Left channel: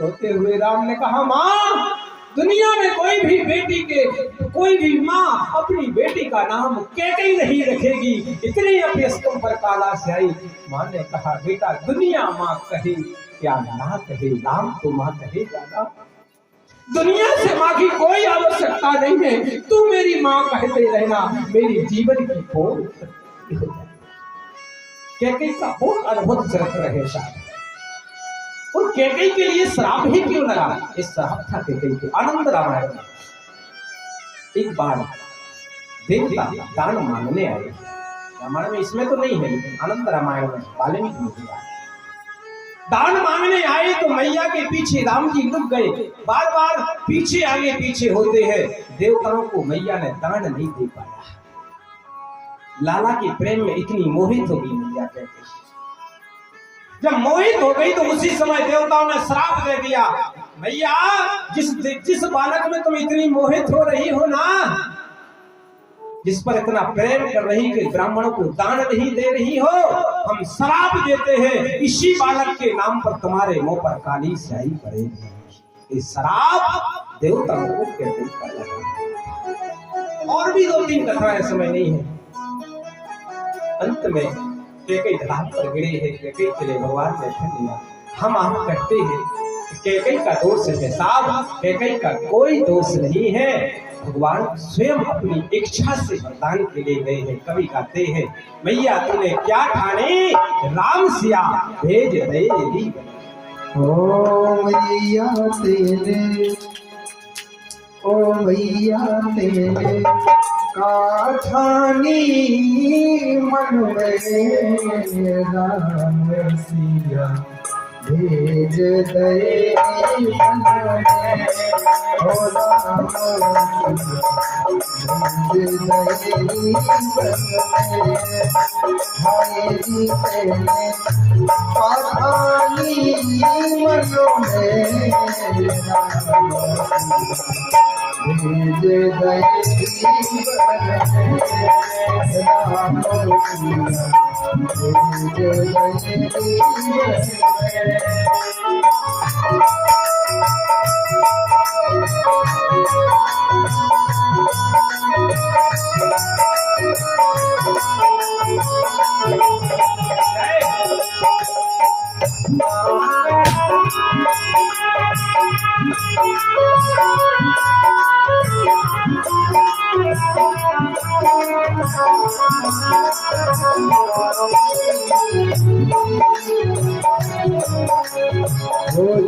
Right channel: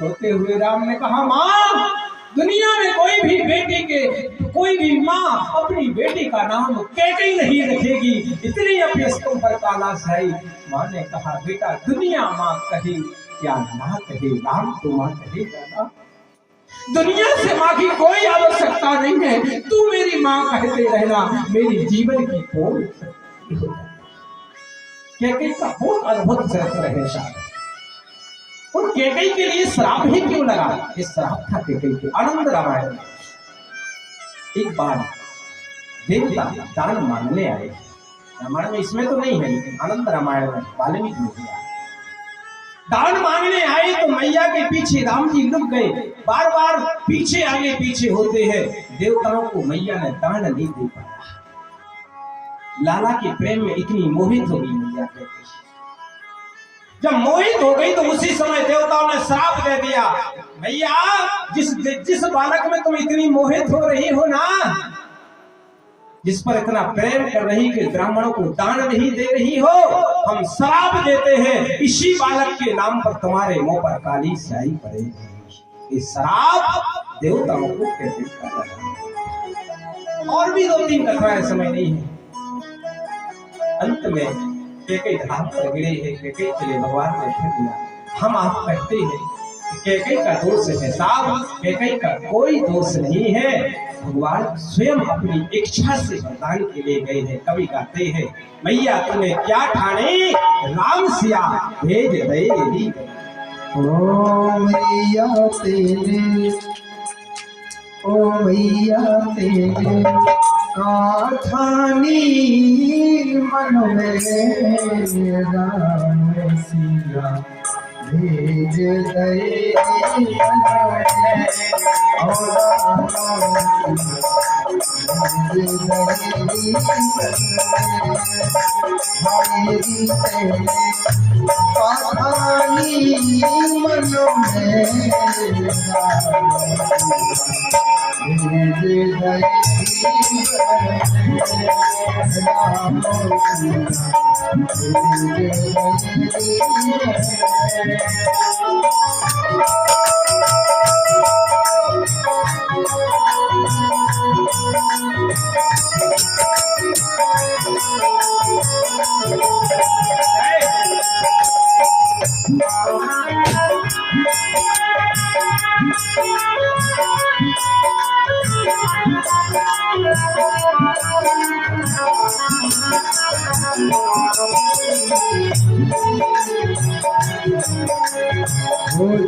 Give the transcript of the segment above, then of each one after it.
रोते हुए राम ने कहा, माँ, दुनिया में कोई भी माँ अपनी बेटी का नाम कैकेयी नहीं रखेगी, इतनी अपयस्कों पर ताला से आई। माँ ने कहा, बेटा, दुनिया माँ कहे क्या ना कहे, राम तो माँ कहेगा ना। दुनिया से माँ की कोई आवश्यकता नहीं है, तू मेरी माँ कहते रहना, मेरी जीवन की कोई कैकेयी का बहुत अद्भुत चरित्र है साहब। और कैकेयी के लिए श्राप ही क्यों लगा? इस श्राप था कैकेयी के। आनंद रामायण में एक बार देवता दान मांगने आए। रामायण में इसमें तो नहीं है, लेकिन आनंद रामायण में वाल्मीकि ने दिया। दान मांगने आए तो मैया के पीछे राम जी लुक गए, बार बार पीछे आगे पीछे होते हैं। देवताओं को मैया ने दान नहीं दे पाया। लाला के प्रेम में इतनी मोहित हो गई मैया कहते। जब मोहित हो गई तो उसी समय देवताओं ने श्राप दे दिया, मैया, जिस बालक में तुम इतनी मोहित हो रही हो ना, जिस पर इतना प्रेम कर रही कि ब्राह्मणों को दान नहीं दे रही हो, हम श्राप देते हैं, इसी बालक के नाम पर तुम्हारे मुंह पर काली स्याही पड़ेगी। इस श्राप देवताओं को कहते लगा। और भी 2-3 कथाएं, समय नहीं है। अंत में कैकेयी धाम पर गिरे हैं। कैकेयी के लिए भगवान ने फिर दिया। हम आप कहते हैं कैकेयी का दोष है साहब, कैकेयी का कोई दोष नहीं है। भगवान स्वयं अपनी इच्छा से वरदान के लिए गए हैं। कवि कहते हैं, मैया तूने क्या ठाने, राम सिया भेज दे। ओ मैया तेरे, ओ मैया तेरे काठानी मन में राम सिया भेज दे।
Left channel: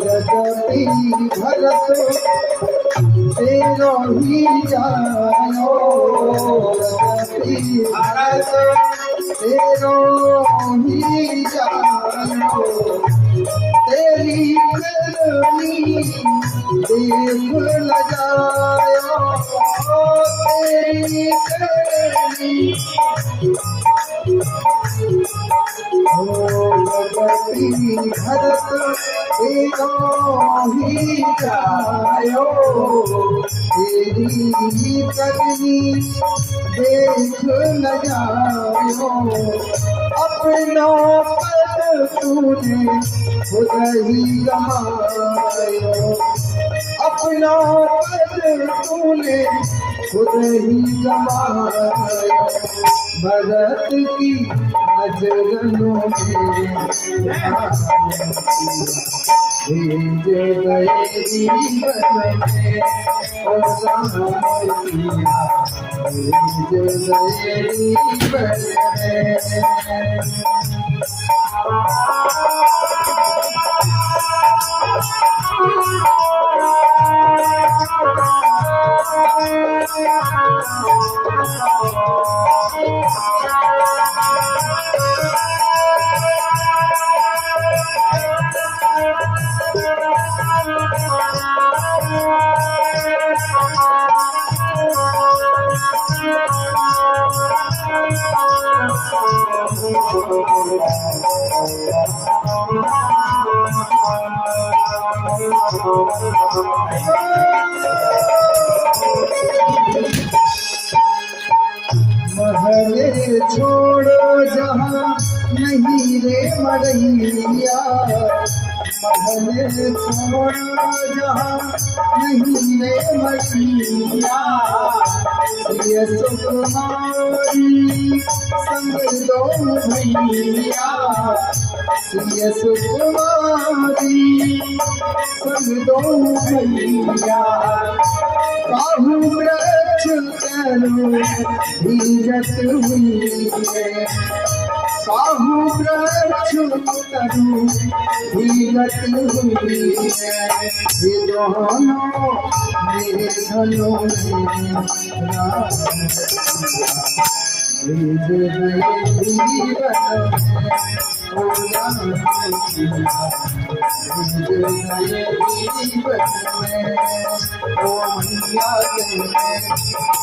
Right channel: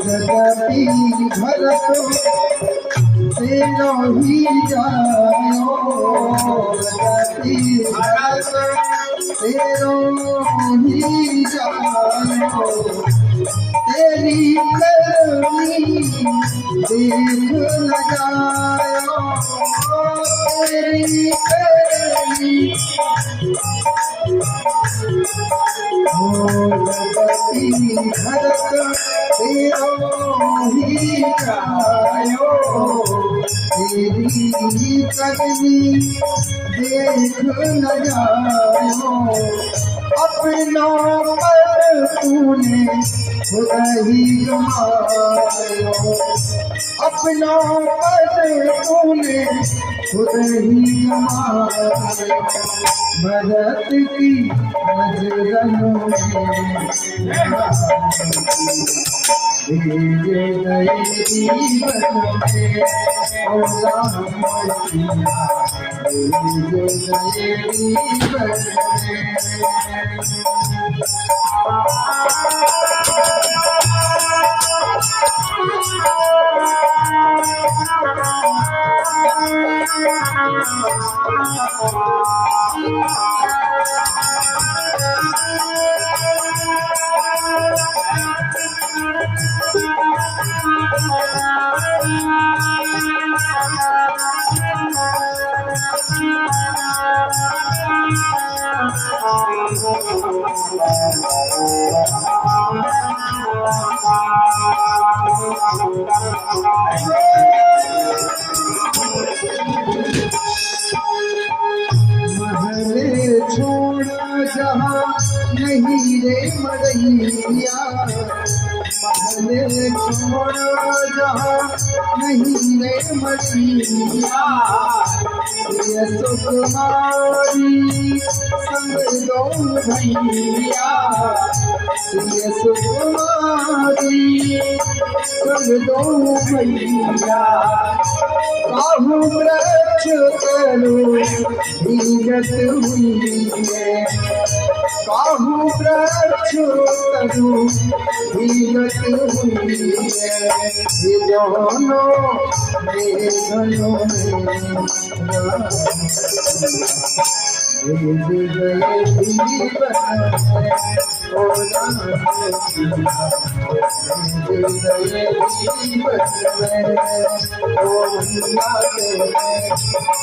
जगती घर तो तेरा ही जायो, जगती घर तेरा ही जायो, तेरी करनी देख न जायो, तेरी करनी जगती घर तेरा ही जायो, तेरी करनी देख न जायो, अपना पद तूने खुद ही गमायो, अपना पद तूने खुद ही गमायो, भरत की नजरों में भेज गए जीवन में, और राम सिया भेज गए जीवन में। महले छोड़ो जहाँ नहीं रे मरैया, महल छोड़ो जहाँ नहीं है मसीहा, ये सुकुमारी संग दो भैया, ये सुकुमारी संग दो भैया, काहू वृक्ष करो भीगत हुई है, काहू वृक्ष करो भीगत हुई है, ये दोनों मेघनों में भेज गए जीवन ओ राम भेज गए जीवन में ओ मैया के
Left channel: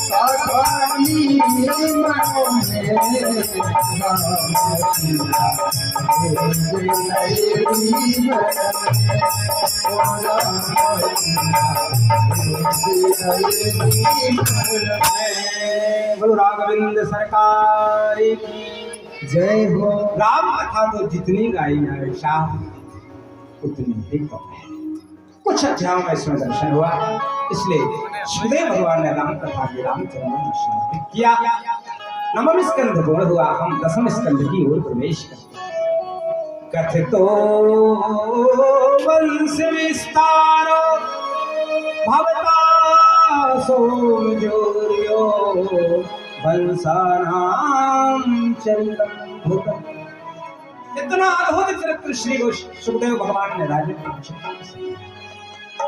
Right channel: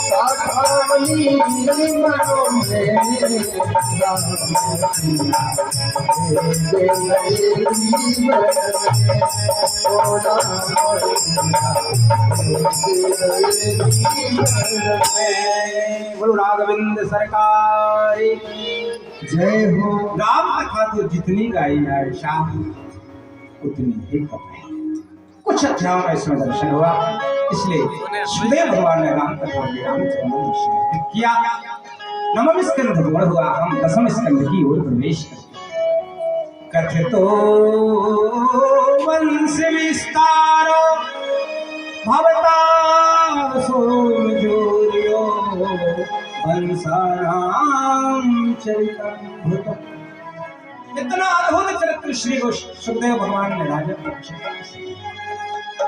साखानी मनों में राम भेज गए जीवन में ओ राम भेज गए जीवन में। बोलो राघवेंद्र सरकार की जय हो। राम कथा तो जितनी गाई है शाह उतनी ही कम है। कुछ अध्यायों में इसमें दर्शन हुआ, इसलिए सुखदेव भगवान ने राम कथा के रामचंद्र दर्शन किया। नवम स्कंध पूर्ण हुआ, हम दसम स्कंध की ओर प्रवेश करते। कथितो वंश विस्तारो भवता सोमजोर्यो वंशानां चरितम् भूतम्। इतना अद्भुत चरित्र श्री सुखदेव भगवान ने राजा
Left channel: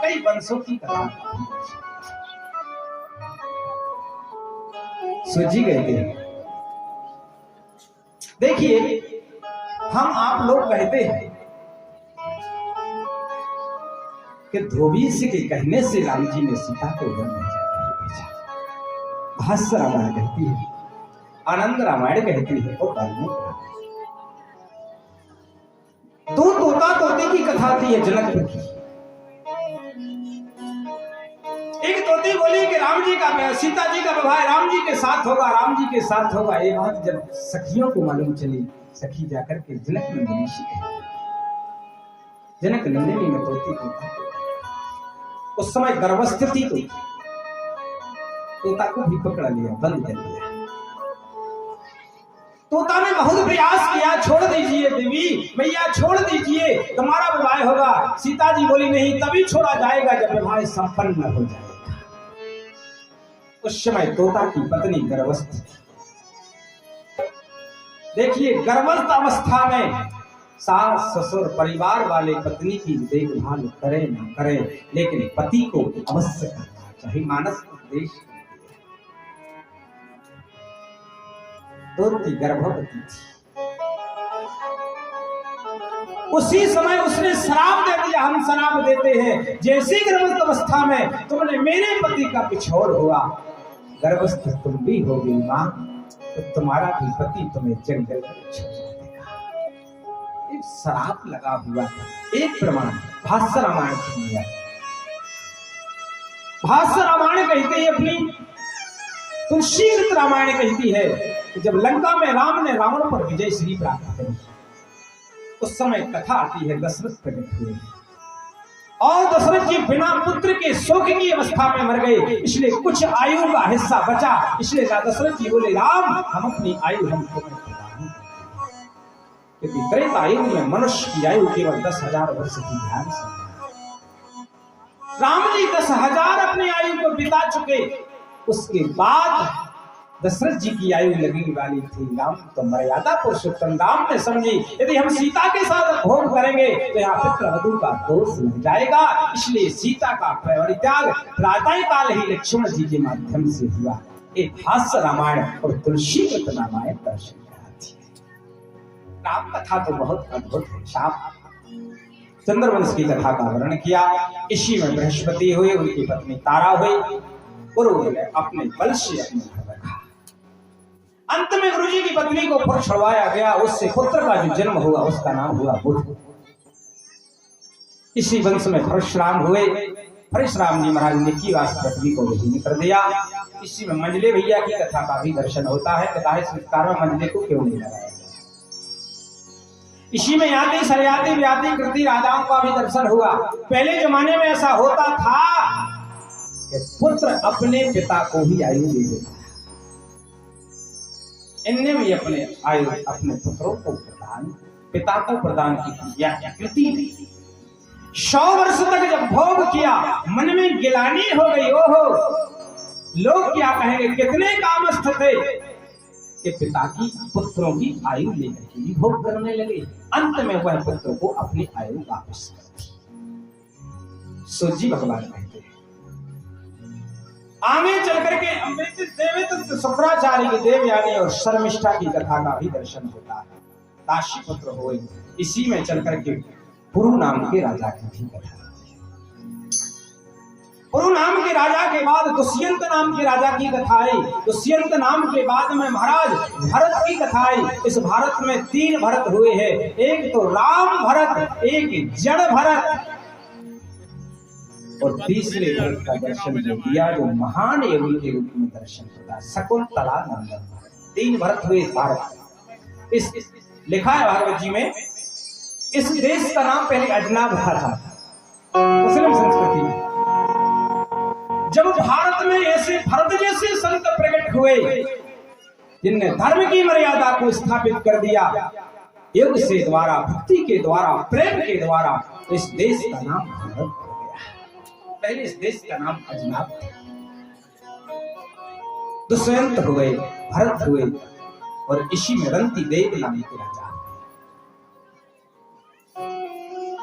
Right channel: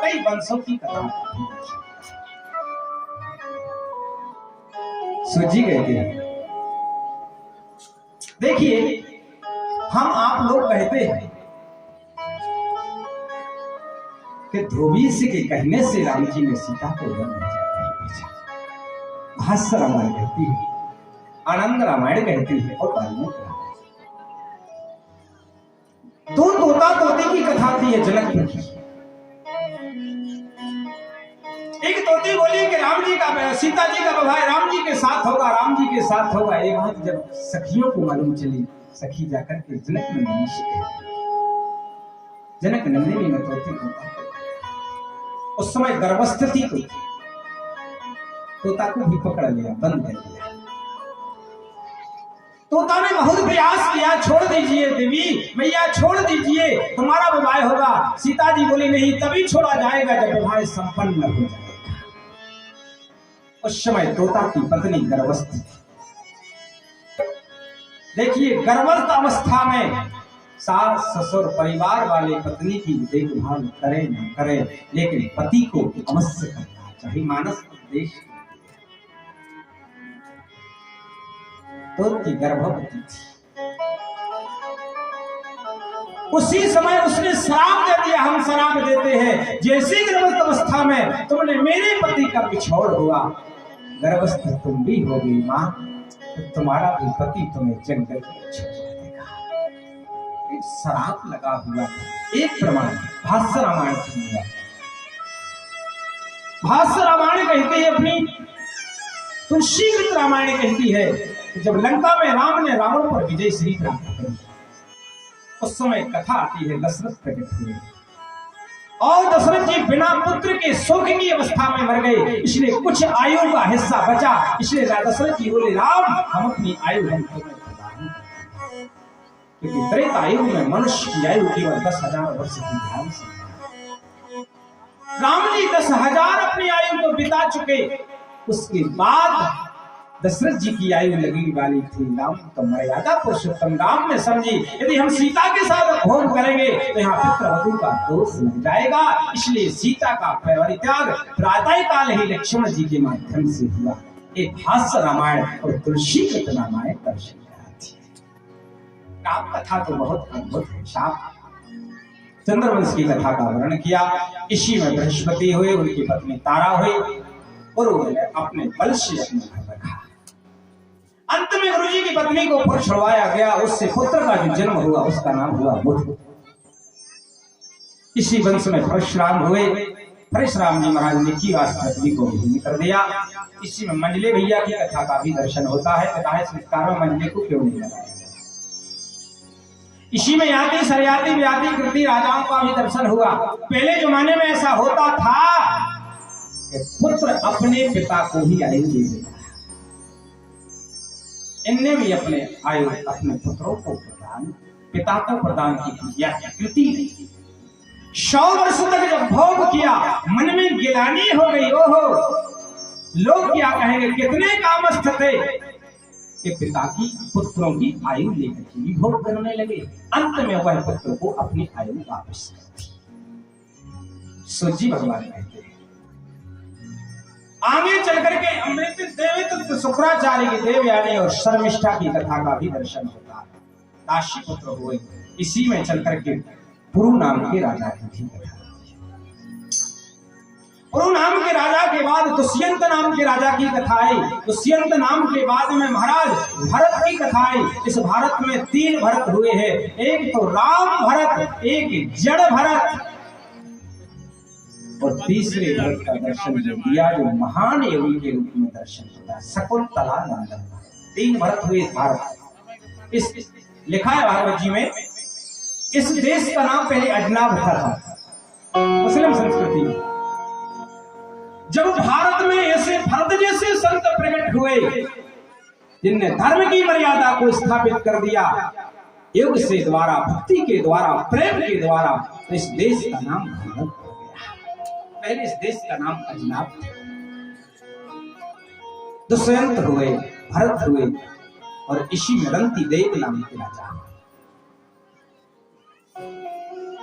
कई वंशों की कथा सूझी गई थी। देखिए, हम आप लोग कहते हैं कि ध्रुवी से के कहने से राम जी ने सीता को वन में जाकर भेजा। भाष्य रामायण कहती है, आनंद रामायण कहती है और वाल्मीकि रामायण। दो तोता तोते की कथा थी है जनकपुर की। एक तोती बोली कि राम जी का सीता जी का विवाह राम जी के साथ होगा, राम जी के साथ होगा। एक बात जब सखियों को मालूम चली, सखी जाकर के जनक नंदिनी से जनक नंदिनी में तोते को उस समय गर्भस्थ थी, तोता को भी पकड़ लिया, बंद कर दिया। तोता ने बहुत प्रयास किया, छोड़ दीजिए देवी मैया, छोड़ दीजिए, तुम्हारा विवाह होगा। सीता जी बोली नहीं, तभी छोड़ा जाएगा जब विवाह संपन्न हो जाएगा। उस समय तोता की पत्नी गर्भस्थ थी। देखिए, गर्भस्थ अवस्था में सास ससुर परिवार वाले पत्नी की देखभाल करे न करे, लेकिन पति को अवश्य करना चाहिए। मानस उपदेश तोती गर्भवती थी। उसी समय उसने श्राप दे दिया, हम श्राप देते हैं, जैसे गर्भस्थ अवस्था में तुमने मेरे पति का पिछोड़ हुआ, गर्भस्थ तुम भी हो गई मां, तो तुम्हारा भी पति तुम्हें जंगल में छोड़ देगा। एक श्राप लगा हुआ था। एक प्रमाण भाष्य रामायण सुनिए। भाष्य रामायण कहते हैं, अपनी तुलसीकृत रामायण कहती है कि जब लंका में राम ने रावण पर विजय श्री प्राप्त करी, उस समय कथा आती है दशरथ प्रकट हुए और दशरथ जी बिना पुत्र के शोक की अवस्था में मर गए, इसलिए कुछ आयु का हिस्सा बचा। इसलिए दशरथ जी बोले, राम हम अपनी आयु हम तुम्हें प्रदान करते हैं, क्योंकि त्रेता आयु में मनुष्य की आयु केवल 10,000 वर्ष की ध्यान से। राम जी 10,000 अपनी आयु को बिता चुके, उसके बाद दशरथ जी की आयु लगने वाली थी। राम तो मर्यादा पुरुषोत्तम राम ने समझी, यदि हम सीता के साथ भोग करेंगे तो यहाँ पुत्रवधू का दोष लग जाएगा, इसलिए सीता का परित्याग प्रातः काल ही लक्ष्मण जी के माध्यम से हुआ। एक भाष्य रामायण और तुलसीकृत रामायण दर्शन कराती है। राम कथा तो बहुत अद्भुत है। साफ चंद्रवंश की कथा का वर्णन किया। इसी में बृहस्पति हुए, उनकी पत्नी तारा हुई और उन्होंने अपने बल से अपने घर रखा। अंत में गुरु जी की पत्नी को पुत्र छुड़वाया गया, उससे पुत्र का जो जन्म हुआ उसका नाम हुआ बुद्ध। इसी वंश में परशुराम हुए। परशुराम जी महाराज ने की रास पृथ्वी को विहीन कर दिया। इसी में मंजले भैया की कथा का भी दर्शन होता है। कथा संस्कार में मंजले को क्यों नहीं लगाया गया? इसी में याति सरयाति व्याति कृति राजाओं का भी दर्शन हुआ। पहले जमाने में ऐसा होता था कि पुत्र अपने पिता को ही आयु दे देता। इनने भी अपने आयु अपने पुत्रों को पिता को प्रदान की यह कृति। 100 वर्ष तक जब भोग किया, मन में गिलानी हो गई, ओहो लोग क्या कहेंगे, कितने कामस्थ थे कि पिता की पुत्रों की आयु लेकर के भी भोग करने लगे। अंत में वह पुत्र को अपनी आयु वापस कर दी। सूजी भगवान कहते हैं आगे चल करके अमृत देवित शुक्राचार्य की देवयानी और शर्मिष्ठा की कथा का भी दर्शन होता है। काशी पुत्र हुए, इसी में चल करके पुरु नाम के राजा की भी कथा। पुरु नाम के राजा के बाद दुष्यंत नाम के राजा की कथा आई। दुष्यंत नाम के बाद में महाराज भरत की कथा आई। इस भारत में 3 भरत हुए हैं, एक तो राम भरत, एक जड़ भरत और तीसरे भरत का दर्शन जो दिया जो महान योगी के रूप में दर्शन होता शकुंतला नंदन। 3 भरत हुए इस भारत। इस लिखा है भागवत जी में, इस देश का नाम पहले अजनाब था, मुस्लिम संस्कृति में। जब भारत में ऐसे भरत जैसे संत प्रकट हुए जिनने धर्म की मर्यादा को स्थापित कर दिया, योग से द्वारा, भक्ति के द्वारा, प्रेम के द्वारा, तो इस देश का नाम भारत हो गया। पहले इस देश का नाम अजनाब था। दुष्यंत हुए, भरत हुए और इसी में रंती देव नाम के राजा।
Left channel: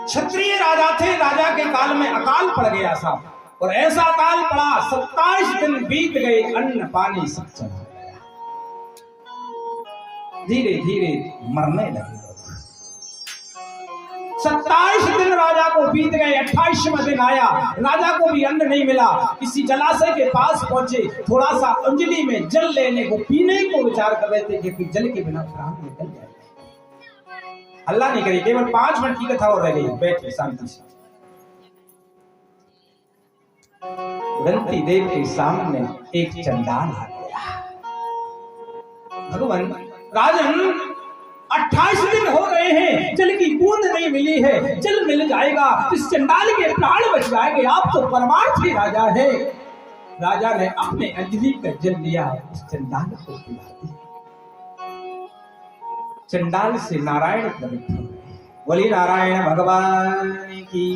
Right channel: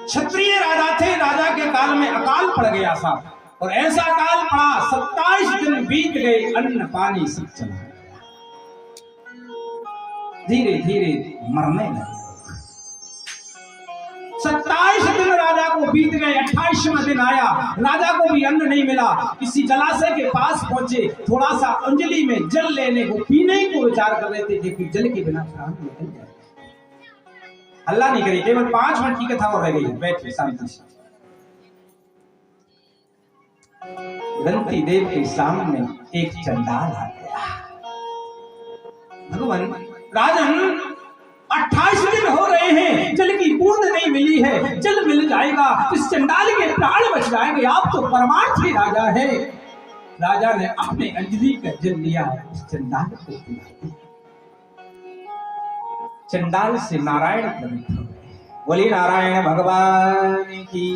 क्षत्रिय राजा थे, राजा के काल में अकाल पड़ गया साहब, और ऐसा काल पड़ा 27 दिन बीत गए, अन्न पानी सब चला गया। धीरे धीरे मरने लगे। 27 दिन राजा को बीत गए, 28वां दिन आया, राजा को भी अन्न नहीं मिला। किसी जलाशय के पास पहुंचे, थोड़ा सा अंजलि में जल लेने को, पीने को विचार कर रहे थे, क्योंकि जल के बिना प्राण निकल जाए। अल्लाह नहीं करी, केवल 5 मिनट की कथा और रह गई। बैठे शांति से। रंती देव के सामने एक चंडाल आ गया। भगवान राजन 28 दिन हो गए हैं, जल की बूंद नहीं मिली है, जल मिल जाएगा इस चंडाल के प्राण बच जाएंगे, आप तो परमार्थी राजा है। राजा ने अपने अंजलि का जल लिया, उस चंडाल को पिला दिया। चंडाल से नारायण प्रकट हो गए। बोली नारायण भगवान की।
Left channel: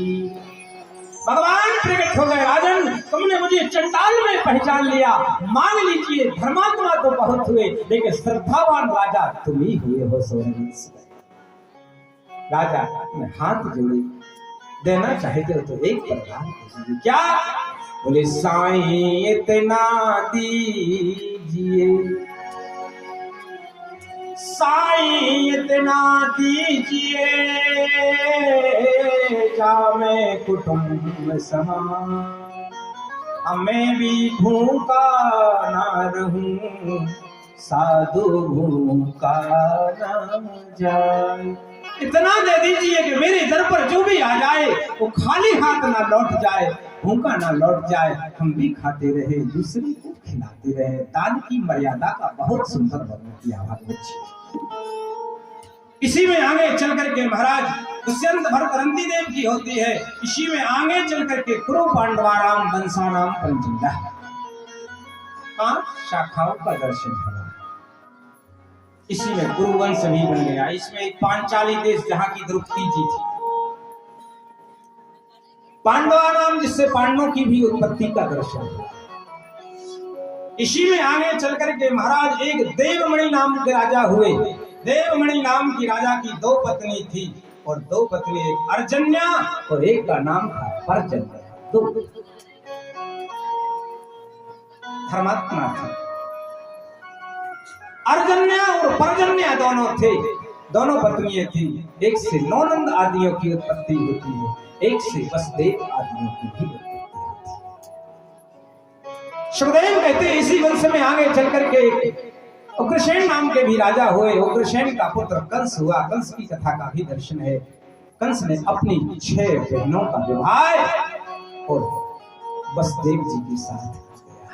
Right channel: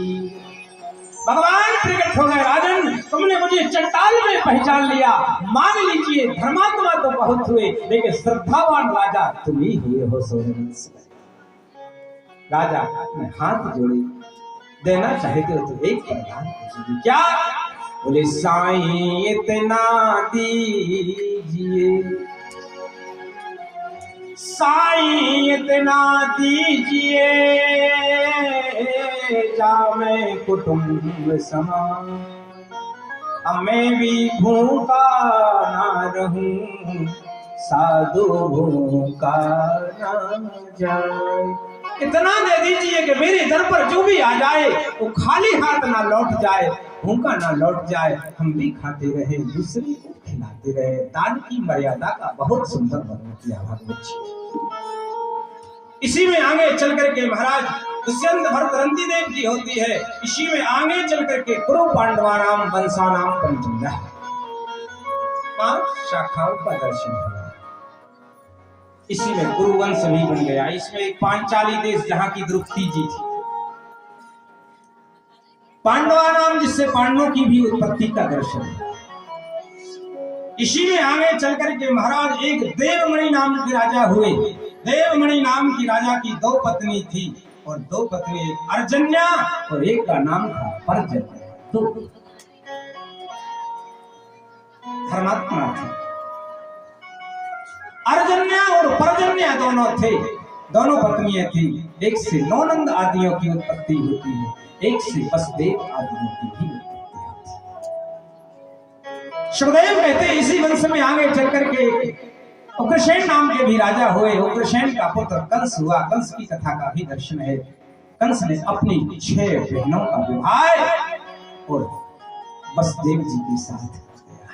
भगवान प्रकट हो गए। राजन तुमने मुझे चंडाल में पहचान लिया, मान लीजिए धर्मात्मा तो बहुत हुए, लेकिन श्रद्धावान राजा तुम ही हुए हो। राजा अपने हाथ जोड़े, देना चाहते हो तो एक वरदान कीजिए। क्या? बोले साईं इतना दीजिए, साईं इतना दीजिए, जामे कुटुंब समान, मैं भी भूखा ना रहूं, साधु भूखा ना जाए। इतना दे दीजिए कि मेरे दर पर जो भी आ जाए वो खाली हाथ ना लौट जाए, भूखा ना लौट जाए, हम भी खाते रहे, दूसरे को खिलाते रहे। दान की मर्यादा का बहुत सुंदर वर्णन किया भागवत जी। इसी में आगे चल करके महाराज दुष्यंत भरत रंती देव जी होती है। इसी में आगे चल करके कुरु पांडवानाम वंशानाम पंचमदा, 5 शाखाओं का दर्शन हुआ। इसी में कुरुवंश भी बन गया। इसमें एक पांचाली देश जहां की द्रौपदी जी थी। पांडवानाम जिससे पांडवों की भी उत्पत्ति का दर्शन है। इसी में आगे चल करके महाराज एक देवमणि नाम के राजा हुए। देवमणि नाम की राजा की 2 पत्नी थी, और 2 पत्नी, एक अर्जन्या और एक का नाम था पर्जन्या। 2 धर्मात्मा थे। अर्जन्या और पर्जन्या दोनों थे, दोनों पत्नियां थी। एक से नौनंद आदियों की उत्पत्ति होती है, एक से वसुदेव आदियों की भी उत्पत्ति होती है। सुखदेव कहते हैं इसी वंश में आगे चल करके उग्रसेन नाम के भी राजा हुए। उग्रसेन का पुत्र कंस हुआ। कंस की कथा का भी दर्शन है। कंस ने अपनी 6 बहनों का विवाह और वसुदेव जी के साथ कर दिया।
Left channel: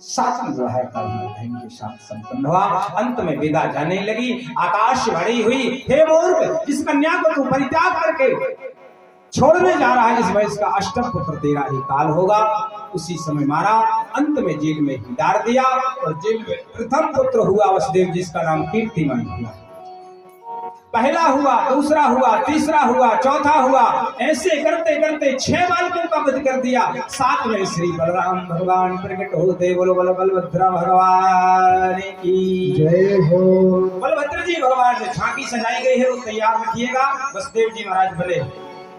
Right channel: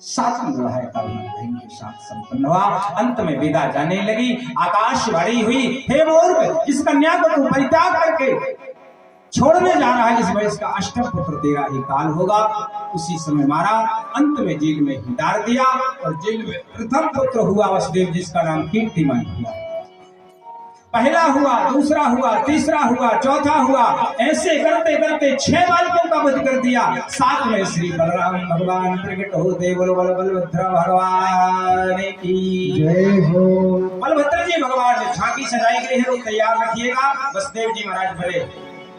सातवीं विवाह का बहन के साथ संपन्न हुआ। अंत में विदा जाने लगी। आकाशवाणी हुई, हे मूर्ख, इस कन्या को तू परित्याग करके छोड़ने जा रहा है, इस वयस का अष्टम पुत्र तेरा ही काल होगा। उसी समय मारा। अंत में जेल में ही डाल दिया और जेल में प्रथम पुत्र हुआ वसुदेव, जिसका नाम कीर्तिमान हुआ। पहला हुआ, दूसरा हुआ, तीसरा हुआ, चौथा हुआ, ऐसे करते करते 6 बालकों का वध कर दिया। साथ में श्री बलराम भगवान प्रकट होते। बोलो बोलो बलभद्र भगवान की जय हो। बलभद्र जी भगवान ने झांकी सजाई गई है, वो तैयार रखिएगा। वसुदेव जी महाराज बोले,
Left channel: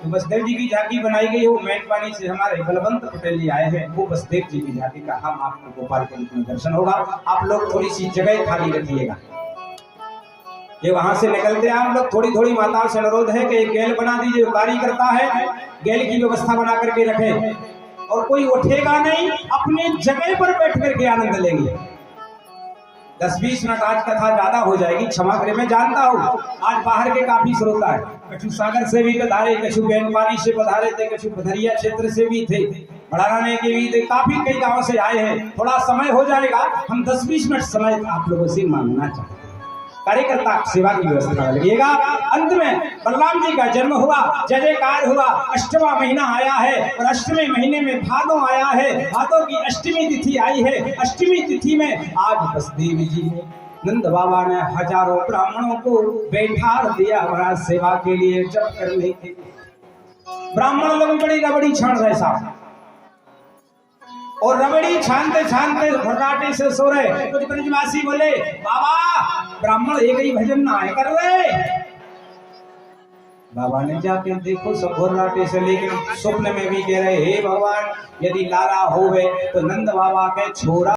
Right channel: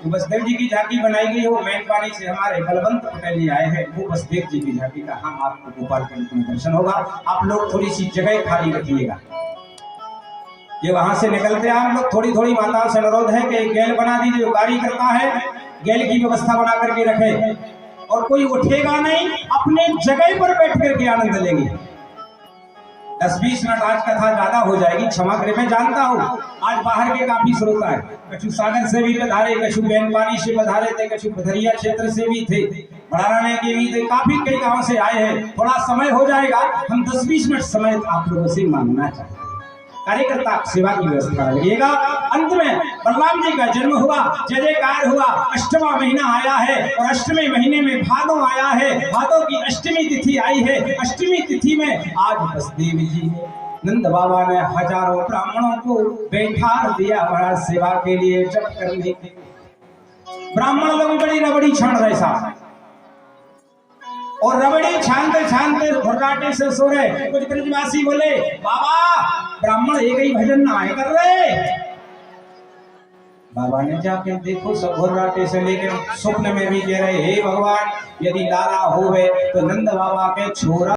वसुदेव जी की झांकी बनाई गई है, वो मेनपानी से हमारे बलवंत पटेल जी आए हैं, वो वसुदेव जी की झांकी का हम आपको गोपाल के रूप में दर्शन होगा। आप लोग थोड़ी सी जगह खाली रखिएगा। ये वहां से निकलते हैं हम लोग, थोड़ी थोड़ी माताओं से अनुरोध है कि एक गैल बना दीजिए, जो कार्य करता है गैल की व्यवस्था बना करके रखे, और कोई उठेगा नहीं, अपने जगह पर बैठ करके आनंद लेंगे। 10-20 मिनट आज कथा ज्यादा हो जाएगी, क्षमा करें, मैं जानता हूँ आज बाहर के काफी श्रोता है, कछु सागर से भी पधारे, कछु बेनपानी से पधारे थे, कछु पथरिया क्षेत्र से भी थे, बढ़ाने के भी थे, काफी कई गांव से आए हैं। थोड़ा समय हो जाएगा, हम 10-20 मिनट समय आप लोगों से मांगना चाहते हैं। कार्यकर्ता सेवा की व्यवस्था लगिएगा। अंत में बलराम जी का जन्म हुआ, जय जयकार हुआ। अष्टवा महीना आया है और अष्टमी महीने में भादो आया है, भादो की अष्टमी तिथि आई है। अष्टमी तिथि में आज वसुदेव जी ने, नंद बाबा ने हजारों ब्राह्मणों को बैठा दिया महाराज सेवा के लिए, जप करने के लिए। ब्राह्मण लोग बड़ी रबड़ी छान रहे साहब, और रबड़ी छानते छानते भर्राटे से सो रहे। कुछ ब्रजवासी बोले, बाबा ब्राह्मण एक ही भजन ना आए कर रहे। बाबा ने जाके देखो, सब भर्राटे से लेकर स्वप्न में भी कह रहे, हे भगवान, यदि लाला होवे तो नंद बाबा के छोरा